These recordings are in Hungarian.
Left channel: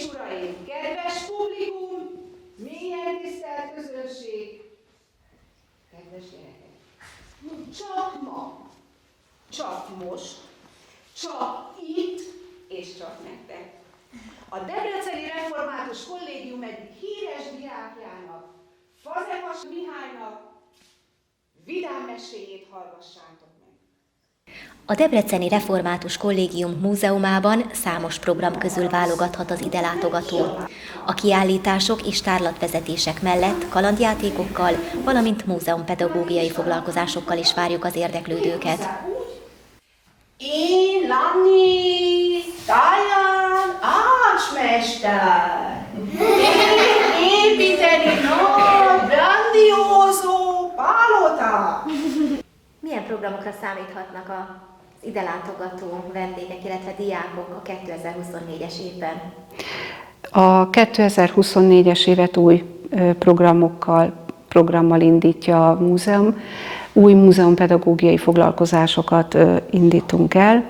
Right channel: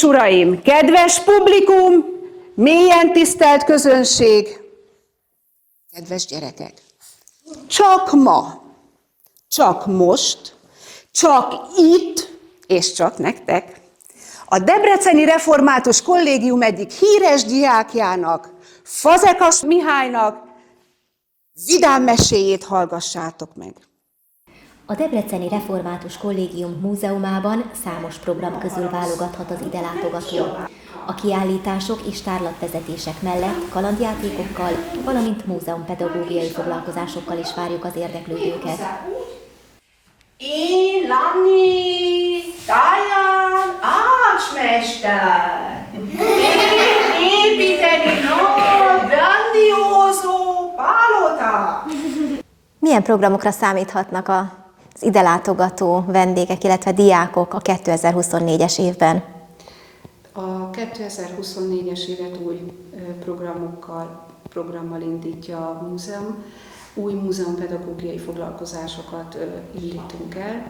és uraim, kedves publikum, mélyen tisztelt közönség, kedves gyerekek! Csak ma, csak most, csak itt, és csak nektek, a Debreceni Református Kollégium egyik híres diákjának, Fazekas Mihálynak vidám meséjét hallgassátok meg. A Debreceni Református Kollégium múzeumában számos program közül válogathat az ide látogató. A kiállítások és tárlatvezetések mellett kalandjátékokkal, valamint múzeumpedagógiai foglalkozásokkal is várjuk az érdeklődőket. Én Lanni, Taján, ácsmester! Építeni nagy, grandiózó pálotát! Milyen programokra számíthatnak az ide látogató vendégek, illetve diákok a 2024-es évben? A 2024-es évet új programmal indítja a múzeum. Új múzeumpedagógiai foglalkozásokat indítunk el.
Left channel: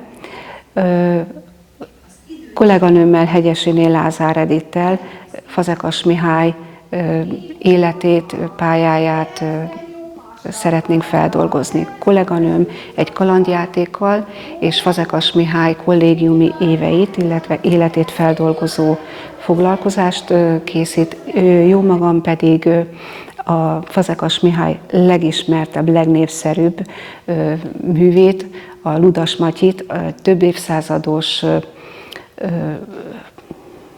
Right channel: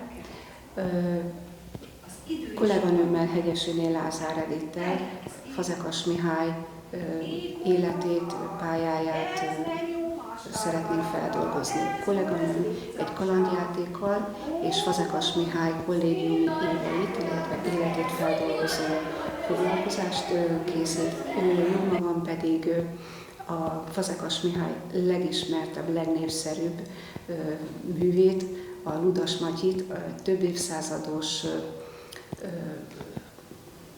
Kolléganőmmel, Hegyesiné Lázár Edittel Fazekas Mihály életét, pályáját szeretnénk feldolgozni. Kolléganőm egy kalandjátékkal és Fazekas Mihály kollégiumi éveit, illetve életét feldolgozó foglalkozást készít. Jó magam pedig a Fazekas Mihály legismertebb, legnépszerűbb művét, a Ludas Matyit, több évszázados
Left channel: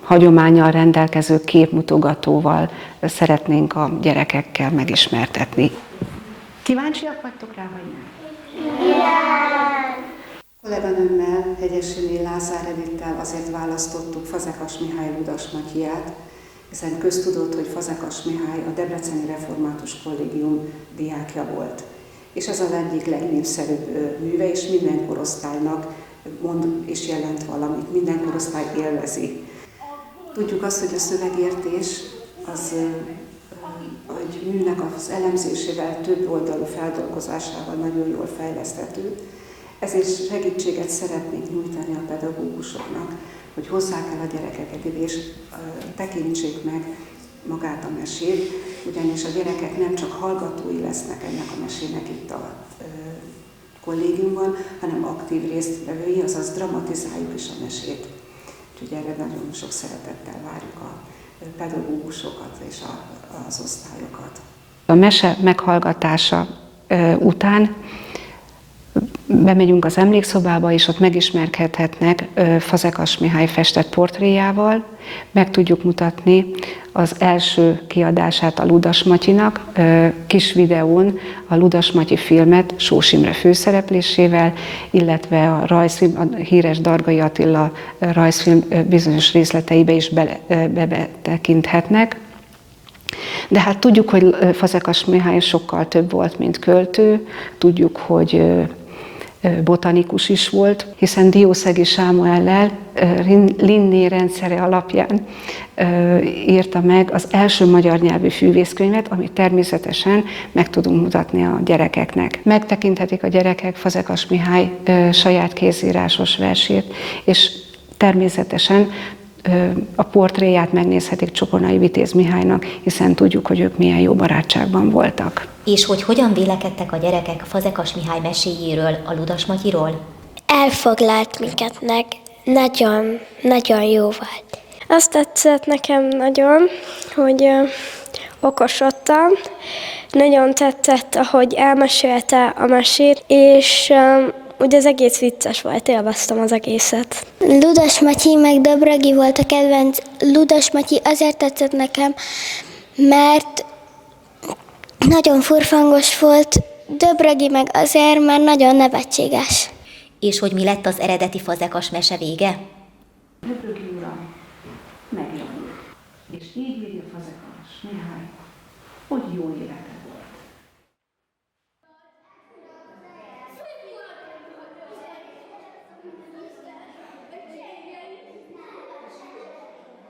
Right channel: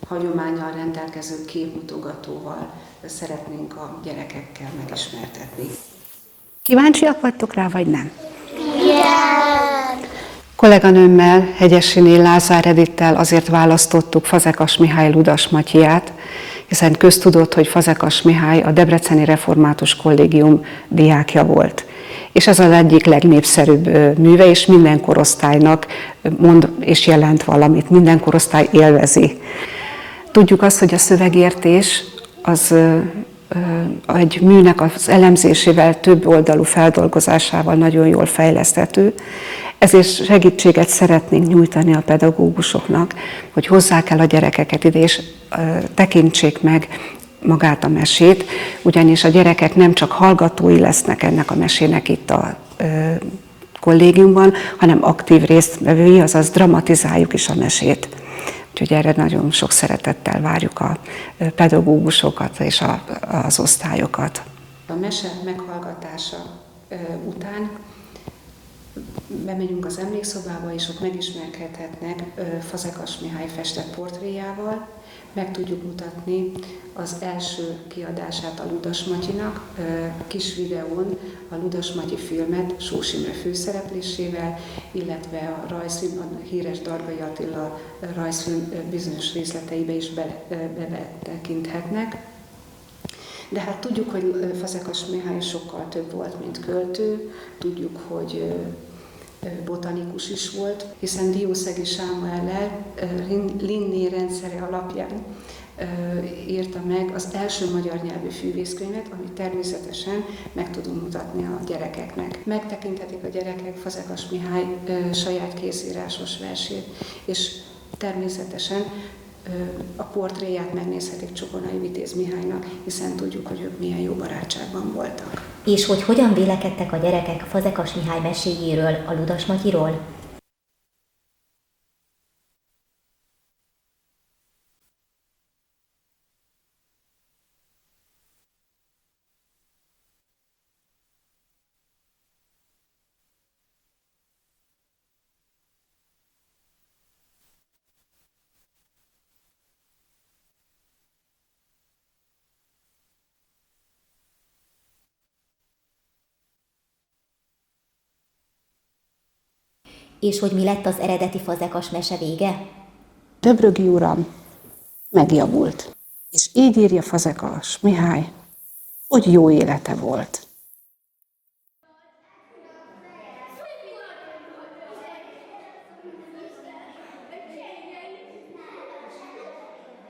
hagyománnyal rendelkező képmutogatóval szeretnénk a gyerekekkel megismertetni. Kíváncsiak vagytok rá, vagy nem? Igen! Kolléganőmmel, Hegyesiné Lázár Edittel azért választottuk Fazekas Mihály Ludas Matyiját, hiszen köztudott, hogy Fazekas Mihály a Debreceni Református Kollégium diákja volt. És ez az egyik legnépszerűbb műve, és minden korosztálynak mond és jelent valamit, minden korosztály élvezi. Tudjuk azt, hogy a szövegértés az egy műnek az elemzésével, több oldalú feldolgozásával nagyon jól fejleszthető. Ezért segítséget szeretnénk nyújtani a pedagógusoknak, hogy hozzák el a gyerekeket ide, és tekintsék meg magát a mesét, ugyanis a gyerekek nem csak hallgatói lesznek ennek a mesének itt a kollégiumban, hanem aktív résztvevői, azaz dramatizáljuk is a mesét. Úgyhogy erre nagyon sok szeretettel várjuk a pedagógusokat és az osztályokat. A mese meghallgatása után bemegyünk az emlékszobába, és ott megismerkedhetnek Fazekas Mihály festett portréjával, meg tudjuk mutatni az első kiadását a Ludas Matyinak, kis videón a Ludas Matyi filmet Sós Imre főszereplésével, illetve a rajzfilm, a híres Dargai Attila rajzfilm bizonyos részleteibe is betekinthetnek. De hát tudjuk, hogy Fazekas Mihály sokkal több volt, mint költő, tudjuk, hogy botanikus is volt, hiszen Diószegi Sámuellel Linné rendszere alapján írta meg az első magyar nyelvű fűvészkönyvet, amit természetesen meg tudunk mutatni a gyerekeknek. Megtekinthetik a gyerekek Fazekas Mihály saját kézírásos versét, és természetesen a portréját megnézhetik Csokonai Vitéz Mihálynak, hiszen tudjuk, hogy ők milyen jó barátságban voltak. És hogy hogyan vélekedtek a gyerekek Fazekas Mihály meséjéről, a Ludas Matyiról? Elfoglalt minket meg. Nagyon, nagyon jó volt. Azt tetszett nekem nagyon, hogy okosodtam. Nagyon tetszett, ahogy elmesélte a mesét, és ugye az egész vicces volt, élveztem az egészet. Ludas Matyi meg Döbrögi volt a kedvenc. Ludas Matyi azért tetszett nekem, mert nagyon furfangos volt, Döbrögi meg azért, mert nagyon nevetséges. És hogy mi lett az eredeti Fazekas mese vége? Döbrögi uram megjavult, és így írja Fazekas Mihály, hogy jó élete volt.